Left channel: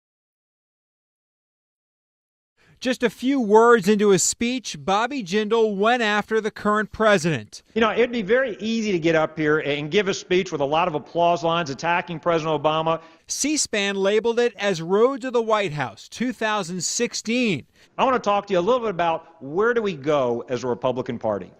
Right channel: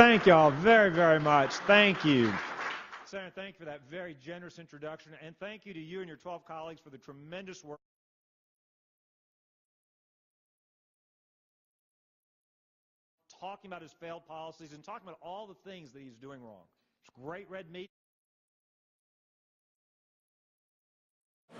Thank y'all very, very much. Thank you. Just a few words into his speech, Bobby Jindal went after the current president. You know, it'd be very easy to get up here and give a speech with a lot of applause lines attacking President Obama. C-SPAN labeled it as Road to the White House 2016. I want to talk to you a little bit about where do we go as a Republican Party.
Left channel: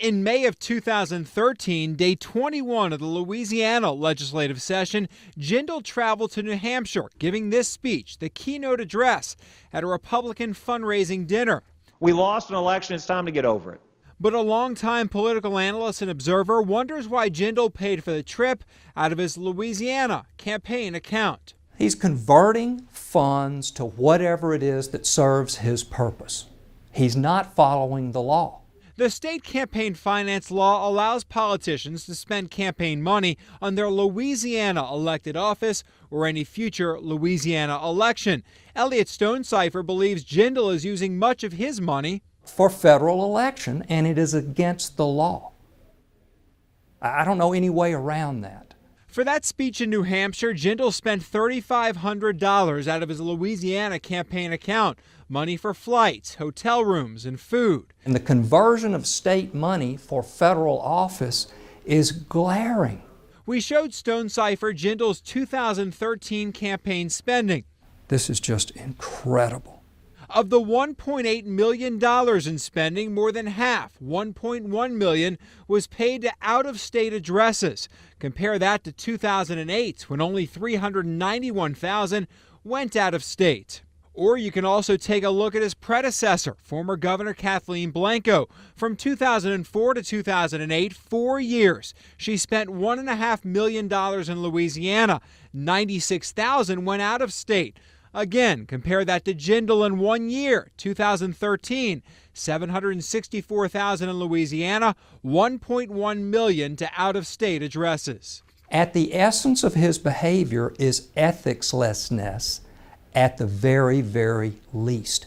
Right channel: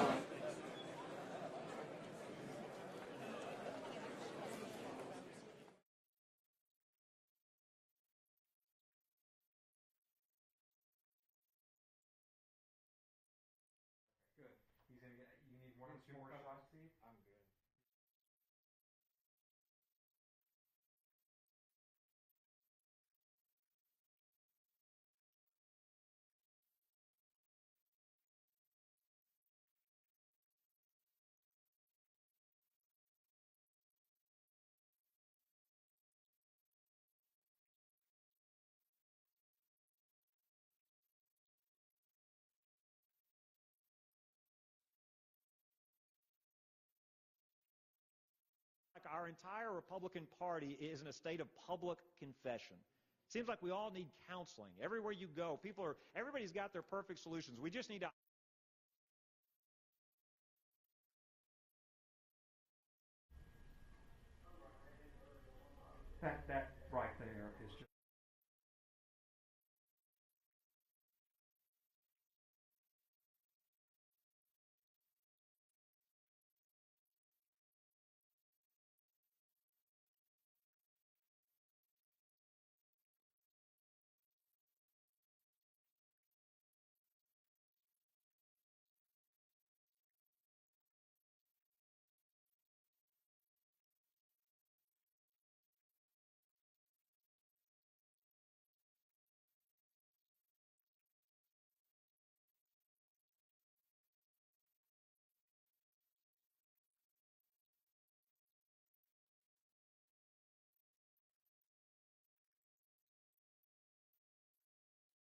In May of 2013, day 21 of the Louisiana legislative session, Jindal traveled to New Hampshire, giving this speech, the keynote address, at a Republican fundraising dinner. We lost an election. It's time to get over it. But a longtime political analyst and observer wonders why Jindal paid for the trip out of his Louisiana campaign account. He's converting funds to whatever it is that serves his purpose. He's not following the law. The state campaign finance law allows politicians to spend campaign money on their Louisiana elected office or any future Louisiana election. Elliot Stonecipher believes Jindal is using much of his money for federal election, and it is against the law. I don't know any way around that. For that speech in New Hampshire, Jindal spent $3,500 out of his Louisiana campaign account, money for flights, hotel rooms, and food. And the conversion of state money for federal office is glaring. We showed Stonecipher Jindal's 2013 campaign spending. This is just incredible. Of the $1.8 million in spending, more than half, $1.1 million, was paid to out-of-state addresses. Compare that to 2008, when only $391,000 went out of state. Or you can also take a look at his predecessor, former Governor Kathleen Blanco. From 2004 to 2008, 4 years, she spent $1.5 million in Louisiana. $96,000 went out of state. Again, compare that to Jindal in 1 year, 2013, $764,000 in Louisiana, $1.1 million to out-of-state addresses. At the essence of his behavior is ethiclessness at the very, very least.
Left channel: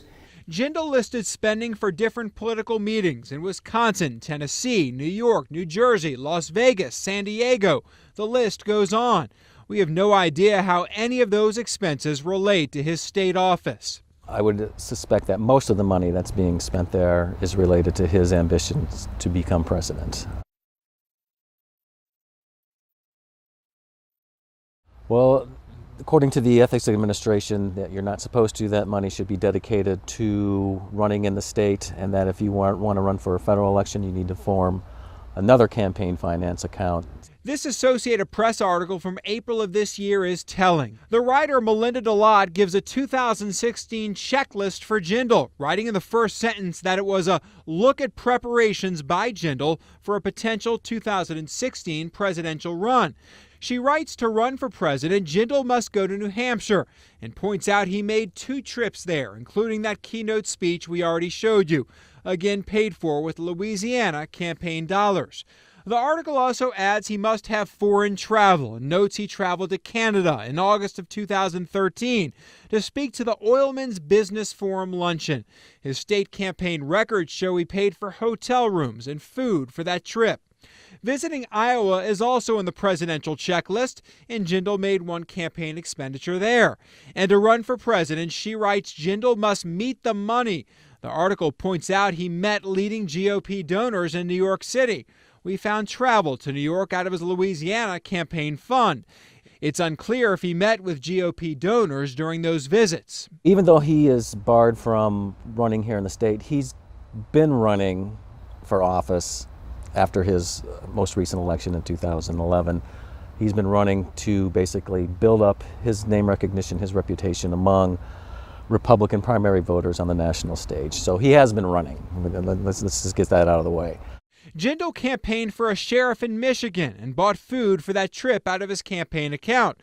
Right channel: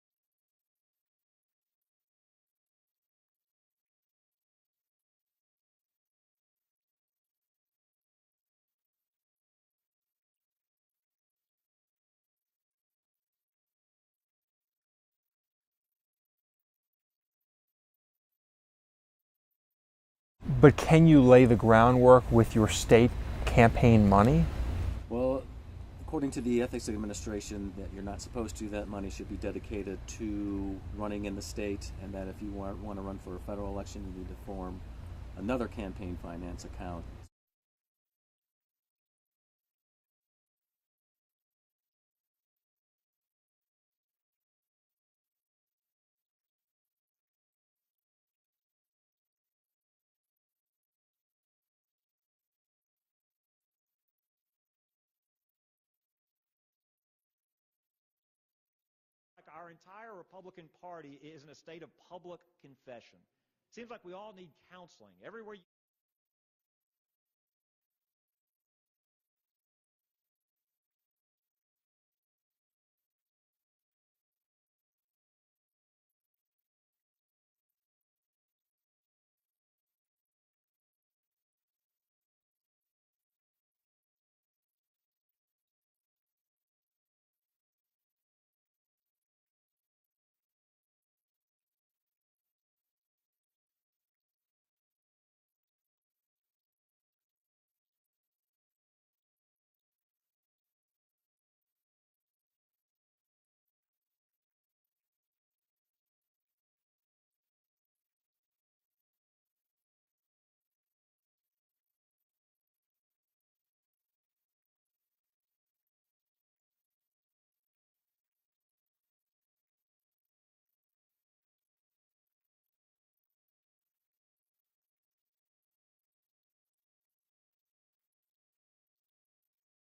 Jindal listed spending for different political meetings in Wisconsin, Tennessee, New York, New Jersey, Las Vegas, San Diego. The list goes on. We have no idea how any of those expenses relate to his state office. I would suspect that most of the money that's being spent there is related to his ambitions to become president. But can you lay the groundwork with your state campaign money? Well, according to the Ethics Administration, that you're not supposed to. That money should be dedicated to running in the state, and that if you want to run for a federal election, you need to form another campaign finance account. This Associated Press article from April of this year is telling. The writer Melinda DeLotte gives a 2016 checklist for Jindal, writing in the first sentence that it was a look at preparations by Jindal for a potential 2016 presidential run. She writes to run for president, Jindal must go to New Hampshire, and points out he made 2 trips there, including that keynote speech we already showed you, again paid for with Louisiana campaign dollars. The article also adds he must have foreign travel and notes he traveled to Canada in August of 2013 to speak to the Oilmen's Business Forum luncheon. His state campaign records show he paid for hotel rooms and food for that trip. Visiting Iowa is also in the presidential checklist, and Jindal made one campaign expenditure there. And to run for president, she writes Jindal must meet the money. The article points out he met leading GOP donors in New York City. We found travel to New York out of his Louisiana campaign fund. It's unclear if he met with GOP donors during those visits. Even though he is barred from running here in the state, he's been running for office after his most recent election in 2011. He's been running to basically build up his name recognition, his reputation among Republican primary voters on the national stage. So he has been running. Let's just get that out of the way. Jindal campaigned for a sheriff in Michigan and bought food for that trip out of his campaign account.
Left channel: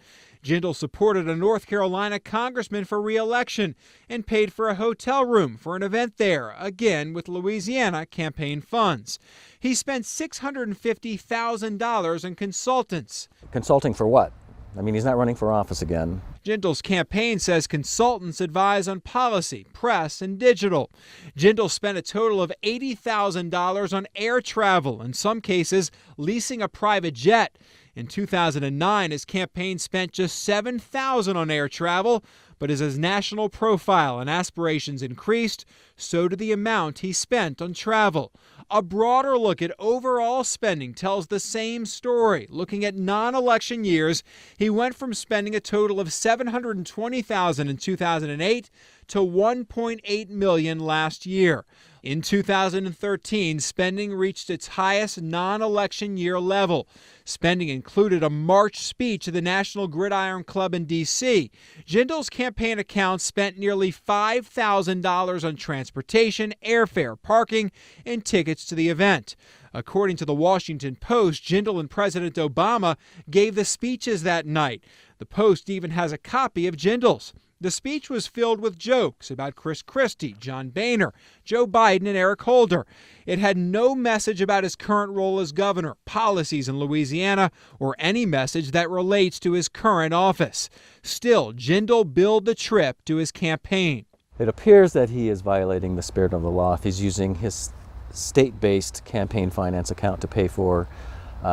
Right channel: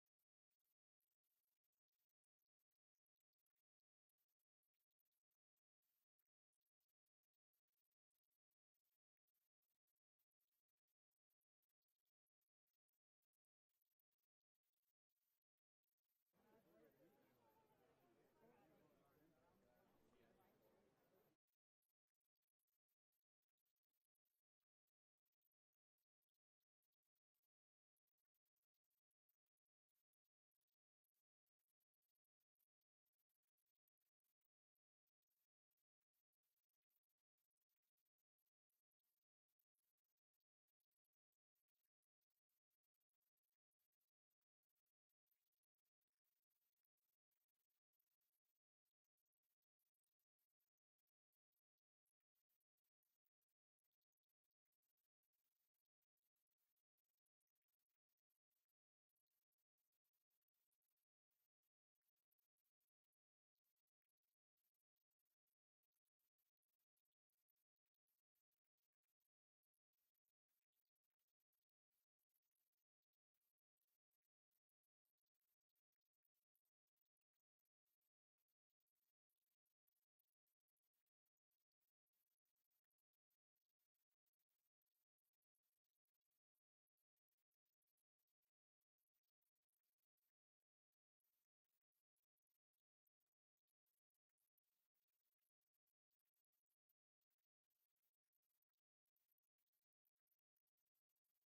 Jindal supported a North Carolina congressman for re-election and paid for a hotel room for an event there, again with Louisiana campaign funds. He spent $650,000 in consultants. Consulting for what? I mean, he's not running for office again. Jindal's campaign says consultants advise on policy, press, and digital. Jindal spent a total of $80,000 on air travel, in some cases leasing a private jet. In 2009, his campaign spent just $7,000 on air travel, but as his national profile and aspirations increased, so did the amount he spent on travel. A broader look at overall spending tells the same story. Looking at non-election years, he went from spending a total of $720,000 in 2008 to $1.8 million last year. In 2013, spending reached its highest non-election year level. Spending included a March speech at the National Gridiron Club in D.C. Jindal's campaign account spent nearly $5,000 on transportation, airfare, parking, and tickets to the event. According to the Washington Post, Jindal and President Obama gave the speeches that night. The Post even has a copy of Jindal's. The speech was filled with jokes about Chris Christie, John Boehner, Joe Biden, and Eric Holder. It had no message about his current role as governor, policies in Louisiana, or any message that relates to his current office. Still, Jindal billed the trip to his campaign. It appears that he is violating the spirit of the law if he's using his state-based campaign finance account to pay for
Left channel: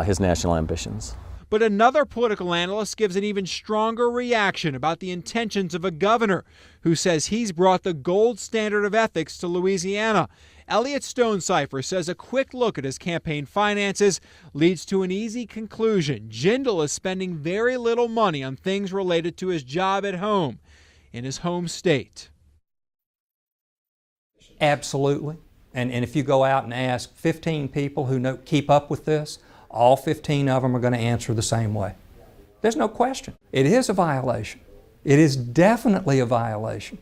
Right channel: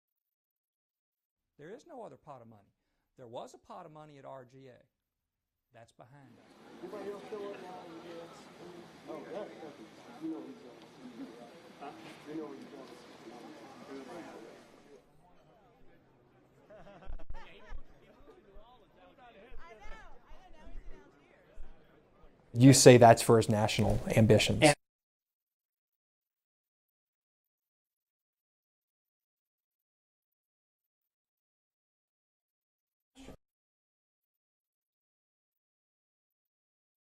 his national ambitions. But another political analyst gives an even stronger reaction about the intentions of a governor who says he's brought the gold standard of ethics to Louisiana. Elliot Stonecipher says a quick look at his campaign finances leads to an easy conclusion. Jindal is spending very little money on things related to his job at home in his home state. You say that's for his national ambitions. Absolutely. And if you go out and ask 15 people who keep up with this, all 15 of them are going to answer the same way. There's no question. It is a violation. It is definitely a violation.